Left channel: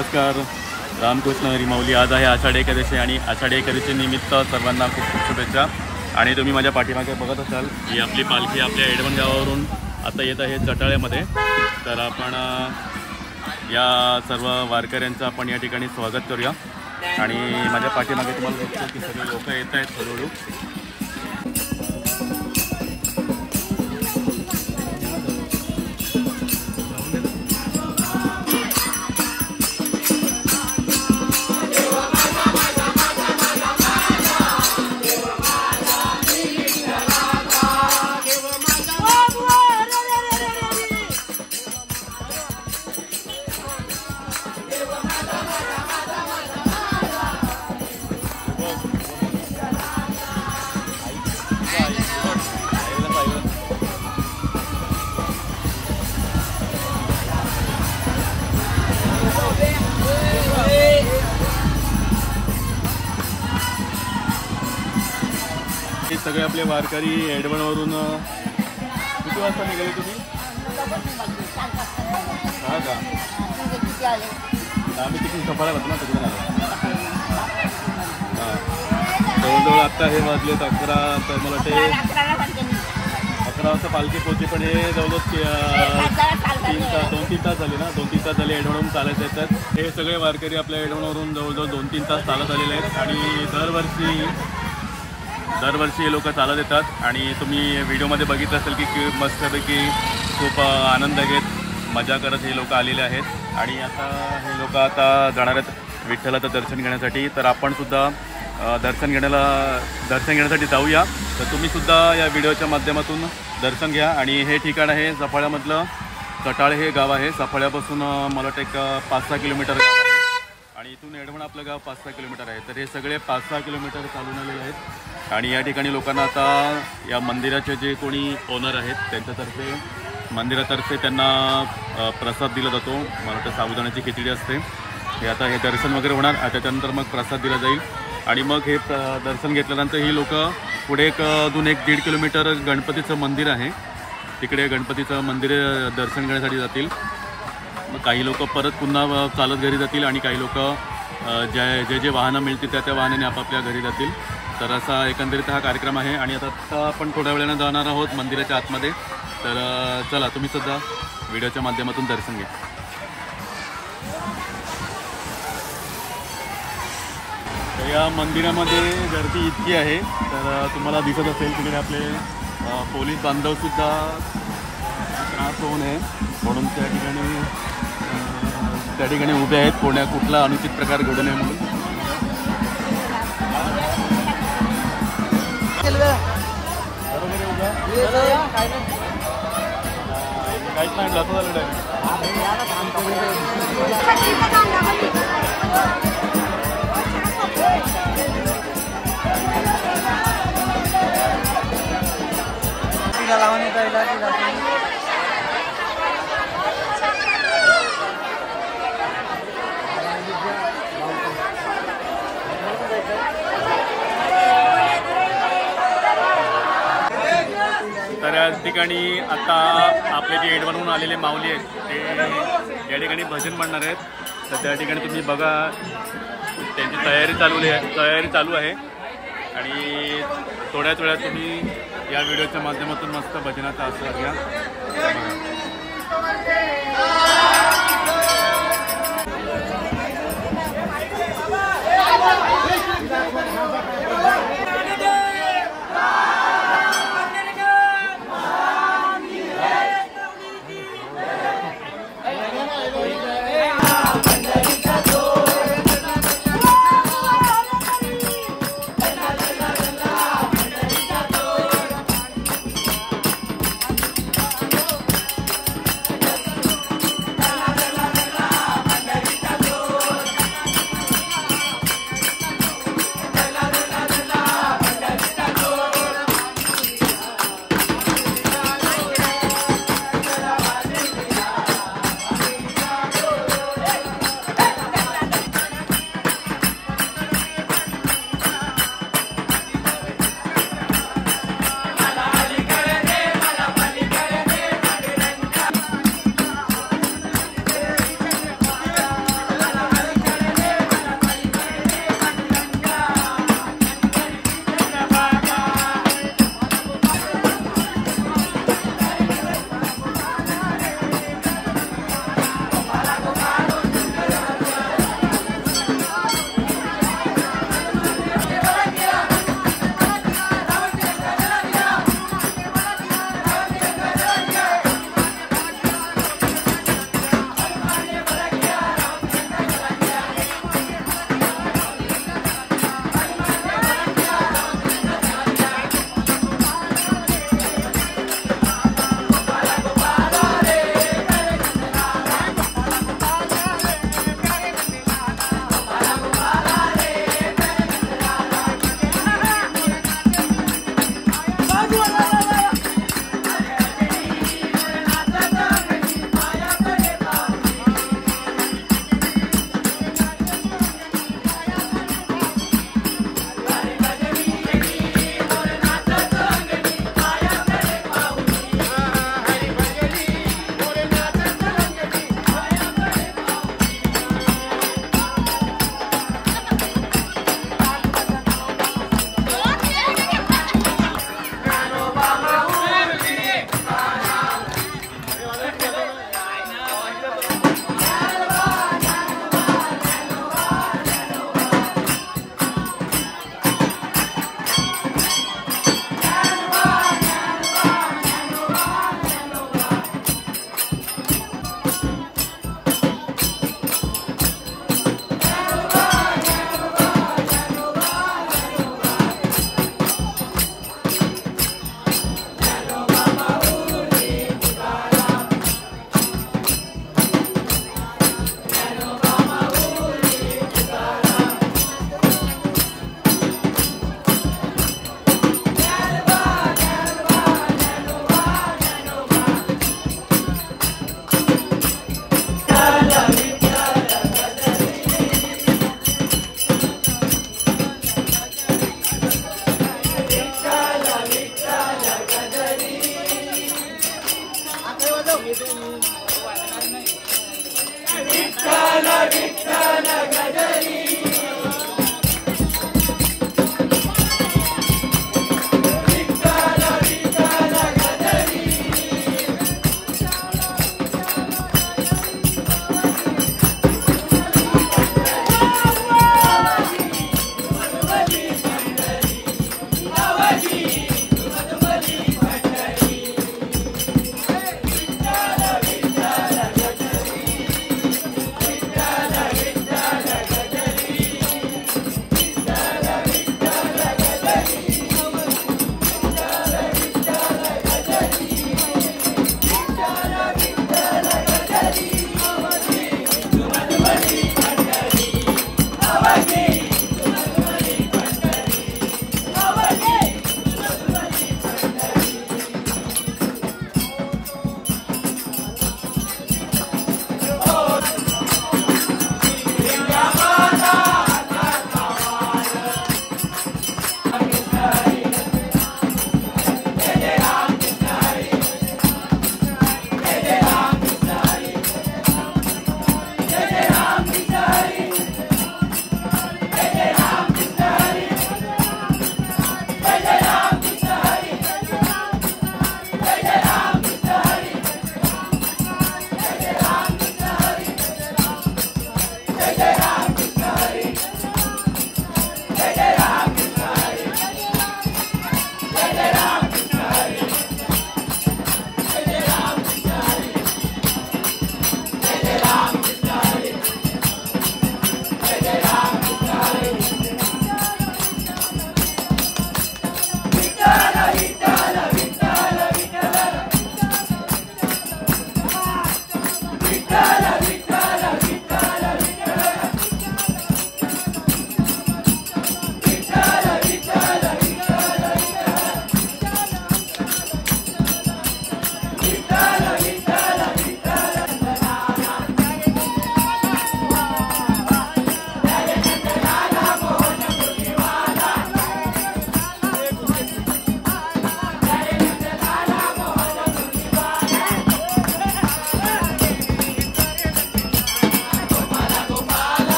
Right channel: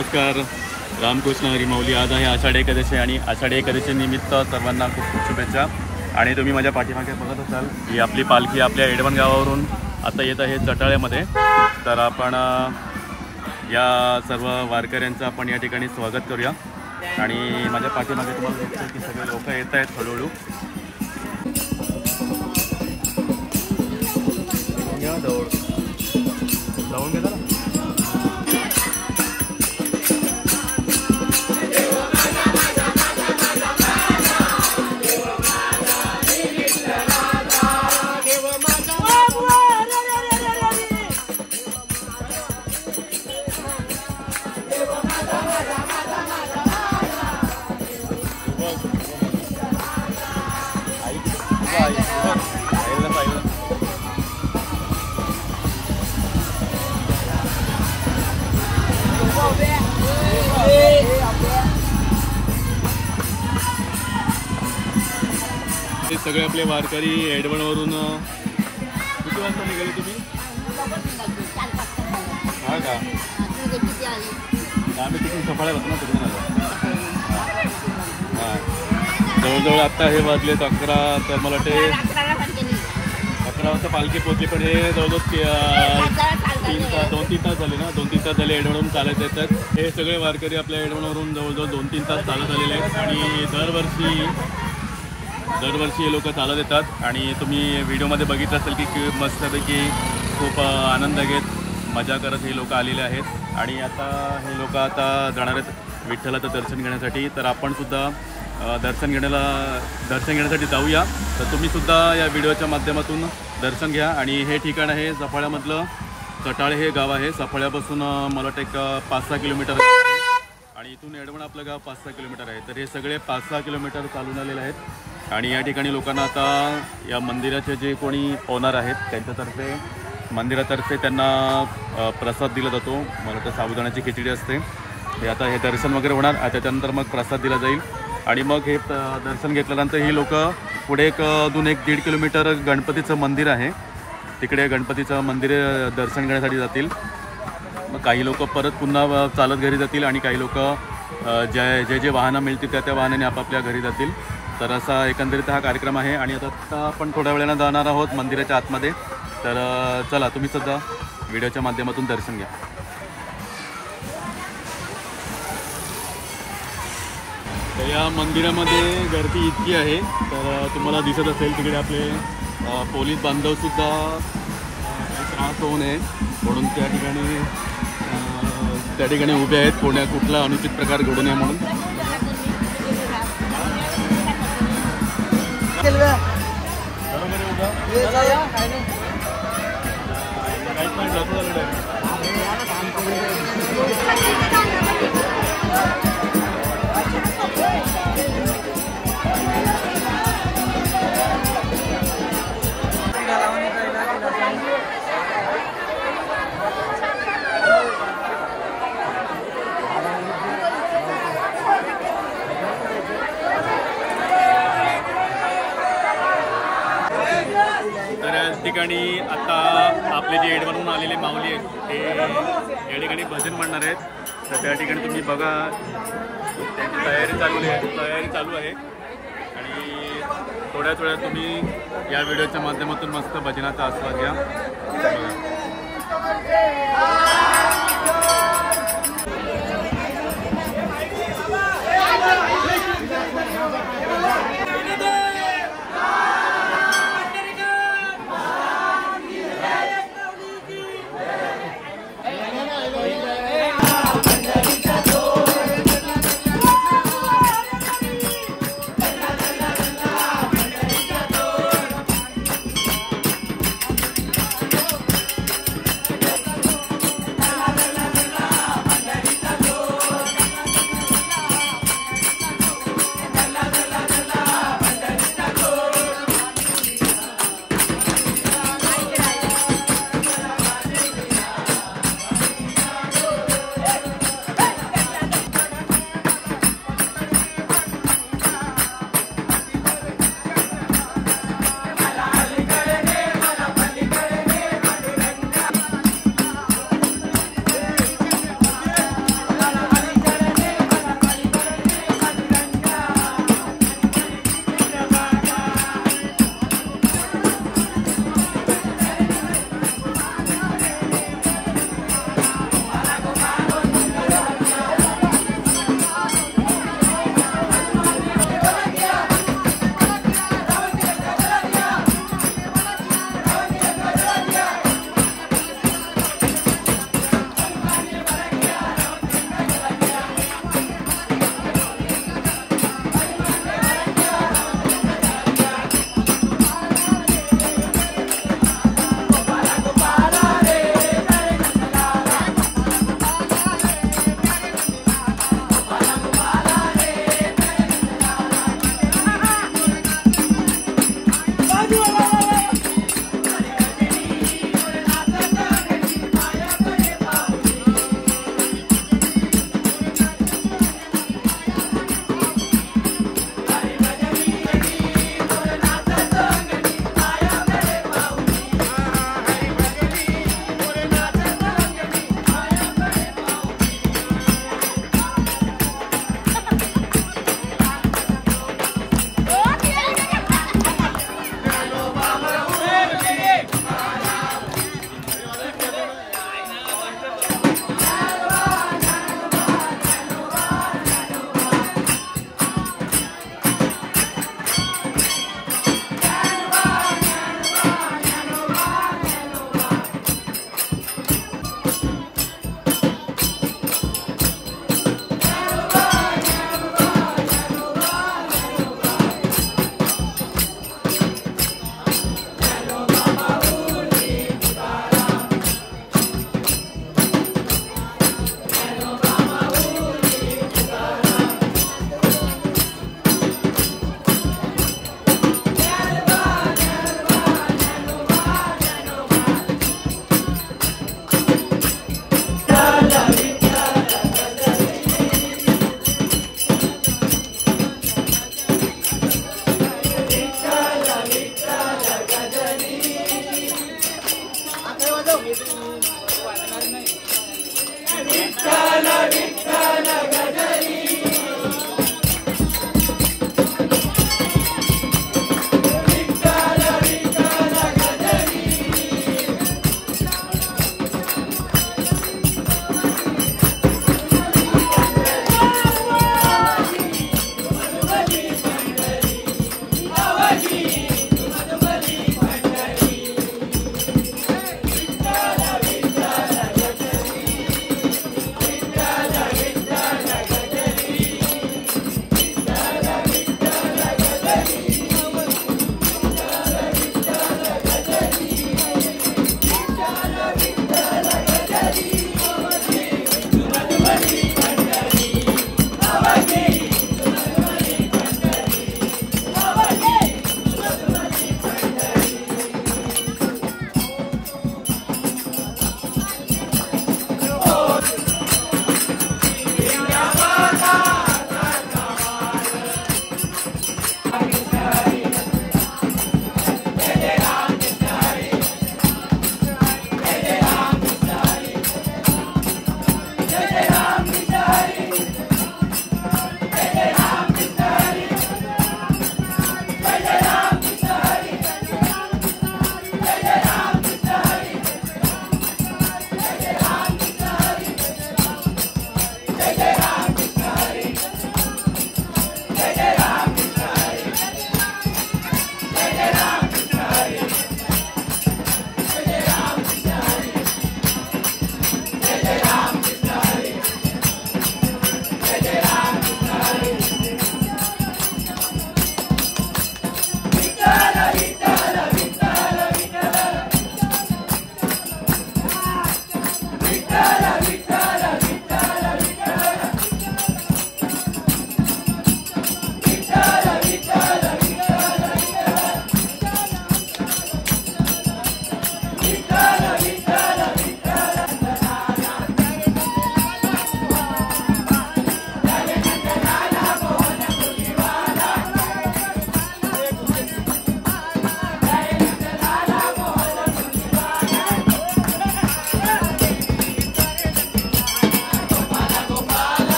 नमस्कार. रामकृष्ण हरी माऊली. आज आहे आषाढी एकादशी आणि आषाढी एकादशी निमित्त सर्वांना खूप खूप शुभेच्छा. आणि तुम्ही माझ्या पाठीमागे बघत असाल ही आपली पालखी आपल्या एडवण गावावरून आता येत आहे चटाळ्यामध्ये. तर आपण या सर्व वारकऱ्यांचं आपण या ठिकाणी स्वागत करूया. आणि माझ्या पाठीमागे तुम्हाला दिसतं की सगळे लोक येत आहेत हळूहळू. हे सगळे आपले वारकरी एडवणवरून किती वाजता निघाले तुम्ही? हा का? आम्ही तिकडून सफाळा राहतो ना, तिकडून आलो. हां, जवळजवळ आत्ता हे वाजलेत 11. तर मला वाटते 11 वाजता पालखी पोचली. पण हे जवळजवळ 2-3 तास झाले ना. 2-3 तास झाले एडवणवरून चालत येतात. हे सगळे वारकरी आपल्या एडवणवरून जवळजवळ 2-3 तास चालत आलेले आहेत. आणि दरवर्षी हे लोक चालत येतात. आणि तुम्ही व्हिडिओमध्ये बघितलं असेल की मस्तपैकी खूप आनंद घेत मजा करत हे लोक आलेले आहेत. आणि आता हे लोक आता जाणार आहेत विठ्ठलाचं दर्शन घेण्यासाठी. तर आपण सुद्धा दर्शन घेण्यासाठी जाऊया. तर तुम्हीसुद्धा या व्हिडिओच्या माध्यमातून दर्शन घ्या. आणि हे ठिकाण आहे सफाळ्यामधलं चटाळे हे गाव आहे. सफाळ्यापासून मला वाटतं एक 5-6 किलोमीटर गाव आहे. आणि इथून एडवण आपलं गाव 5-6 किलोमीटर आहे. तर हे सगळे 5-6 किलोमीटर चालून आलेले आहेत. आणि या ठिकाणी लोकांना आता या मंदिराचे जे कोणी ओनर आहेत त्यांच्यातर्फे मंदिरातर्फे त्यांना प्रसाद दिला जातो. मला वाटतं साबुदाण्याची खिचडी असते. हे आता हे दर्शन वगैरे होणार. त्याच्यानंतर मग प्रसाद दिला जाईल. आणि मग हे दर्शन घेतल्यानंतर ही लोक पुढे अजून 1-1.5 किलोमीटर गणपतीचं मंदिर आहे. तिकडे गणपतीचं मंदिर दर्शन घेण्यासाठी जातील. मग काही लोक परत पुन्हा चालत घरी जातील. आणि काही लोक जे वाहनं मिळतील त्या वाहनाने आपापल्या घरी जातील. तर असा एकंदरीत हा कार्यक्रम आहे. आणि आता आपण थोड्या वेळानं जाणार आहोत मंदिराच्या आतमध्ये. तर चला तुम्ही सुद्धा व्हिडिओच्या माध्यमातून दर्शन घ्या. तर या मंदिरामध्ये गर्दी इतकी आहे. तर तुम्हाला दिसत असेल तिकडे आपले पोलीस बांधवसुद्धा त्रास होऊ नये म्हणून त्या ठिकाणी उभे आहेत. कुठला अनुचित प्रकार घडू नये म्हणून. काहीच नाही जातो. तर या ठिकाणी आता आपले जे एडवणहून आलेले माऊली आहेत ते या ठिकाणी भजन म्हणणार आहेत. तर त्या ठिकाणी तुम्ही बघा त्यांची तयारी चालू आहे. आणि थोड्याच वेळात तुम्ही या व्हिडिओच्या माध्यमातून मस्त भजनाचा आस्वाद घ्या.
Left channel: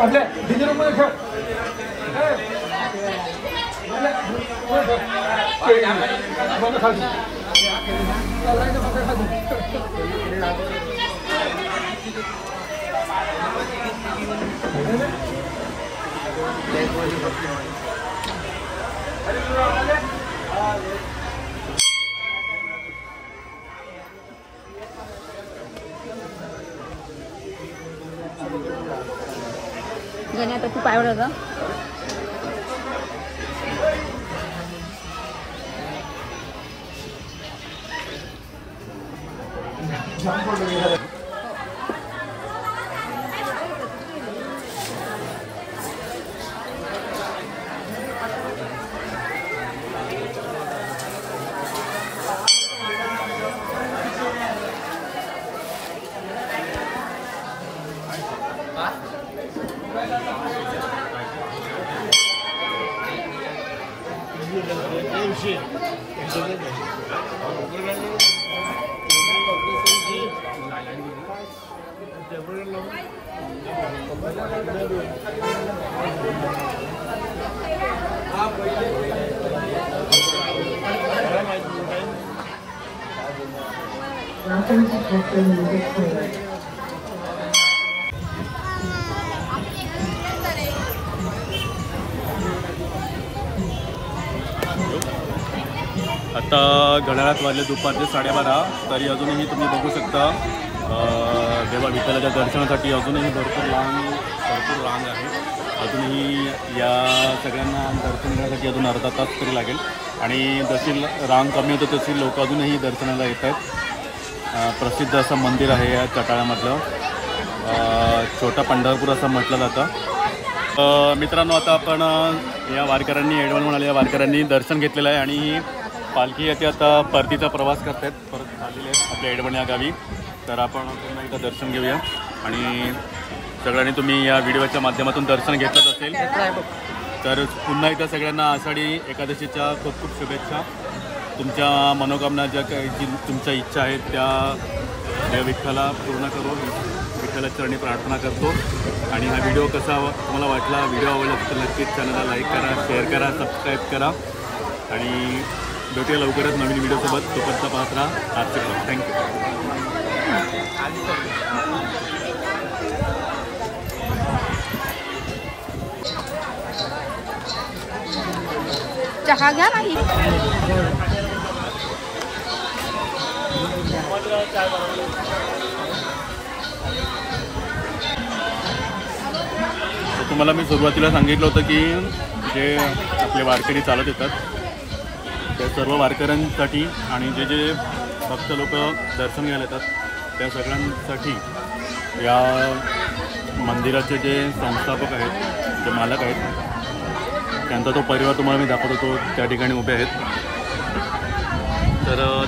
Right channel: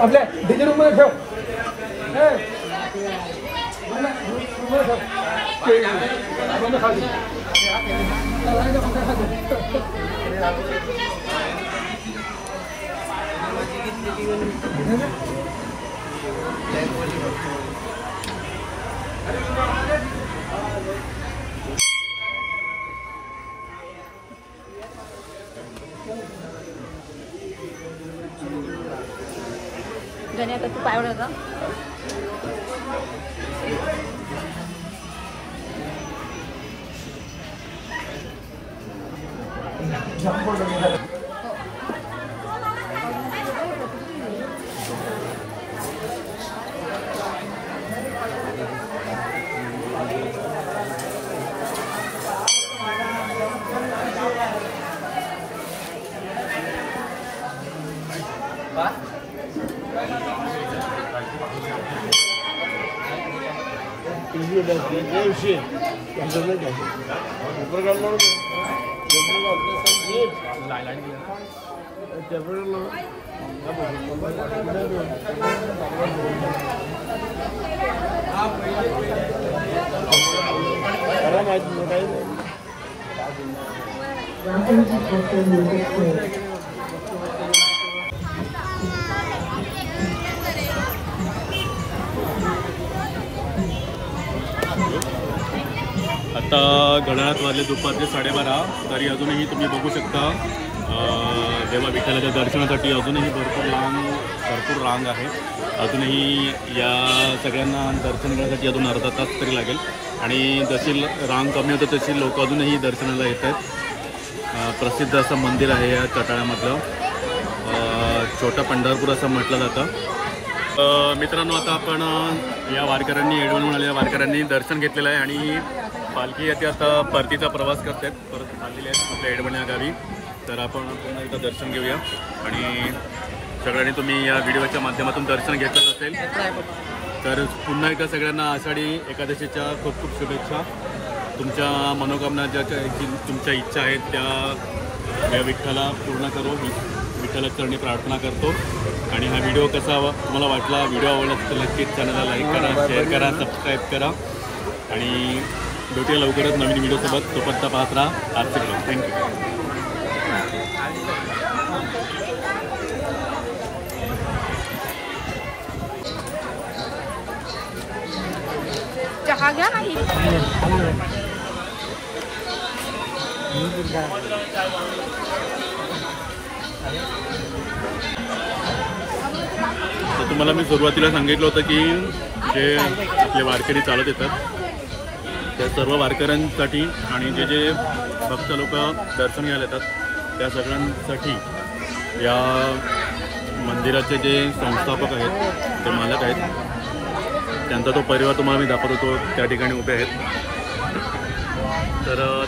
आपल्या डिझेल मध्ये ठेव. घेण्यात खूप आवडलं का? आता घड्याळात वाजले दुपारचे 12:30. तरी अजूनही तुम्ही बघू शकता देवा विठ्ठलाच्या दर्शनासाठी अजूनही भरपूर रांग आहे. अजूनही या सगळ्यांना दर्शन घेण्यासाठी अजून अर्धा तास तरी लागेल. आणि जशी रांग कमी होते तशी लोक अजूनही दर्शनाला येतात. प्रसिद्ध असं मंदिर आहे या चटाळ्यामधलं. छोटा पंढरपूर असं म्हटलं जातं. मित्रांनो, आता आपण या वारकऱ्यांनी एडवणहून आलेल्या वारकऱ्यांनी दर्शन घेतलेलं आहे आणि पालखी येते आता परतीचा प्रवास करत आहेत. परत चाललेले आहेत आपल्या एडवण या गावी. तर आपण पुन्हा एकदा दर्शन घेऊया. आणि सगळ्यांनी तुम्ही या व्हिडिओच्या माध्यमातून दर्शन घेतलंच असेल तर पुन्हा एकदा सगळ्यांना आषाढी एकादशीच्या खूप खूप शुभेच्छा. तुमच्या मनोकामना ज्या काही तुमच्या इच्छा आहेत त्या विठ्ठला पूर्ण करो, विठ्ठलाच्या चरणी प्रार्थना करतो. आणि हा व्हिडिओ कसा तुम्हाला वाटला, व्हिडिओ आवडला तर नक्कीच चॅनलला लाईक करा, शेअर करा, सबस्क्राईब करा. आणि भेटूया लवकरच नवीन व्हिडिओसोबत. तोपर्यंत पाहत राहा आजचे ब्लॉग. थँक्यू. चहा घ्या नाही. तर तुम्हाला मी सुरुवातीला सांगितलं होतं की जे आपले वारकरी चालत येतात त्या सर्व वारकऱ्यांसाठी आणि जे जे भक्त लोक दर्शन घ्यायला येतात त्या सगळ्यांसाठी या मंदिराचे जे संस्थापक आहेत, जे मालक आहेत, त्यांचा तो परिवार तुम्हाला मी दाखवतो. तो त्या ठिकाणी उभे आहेत. तर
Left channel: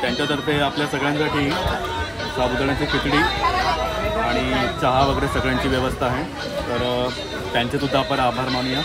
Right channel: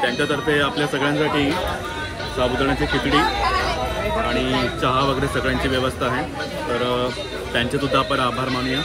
त्यांच्यातर्फे आपल्या सगळ्यांसाठी साबुदाण्याची खिचडी आणि चहा वगैरे सगळ्यांची व्यवस्था आहे. तर त्यांचे सुद्धा आपण आभार मानूया.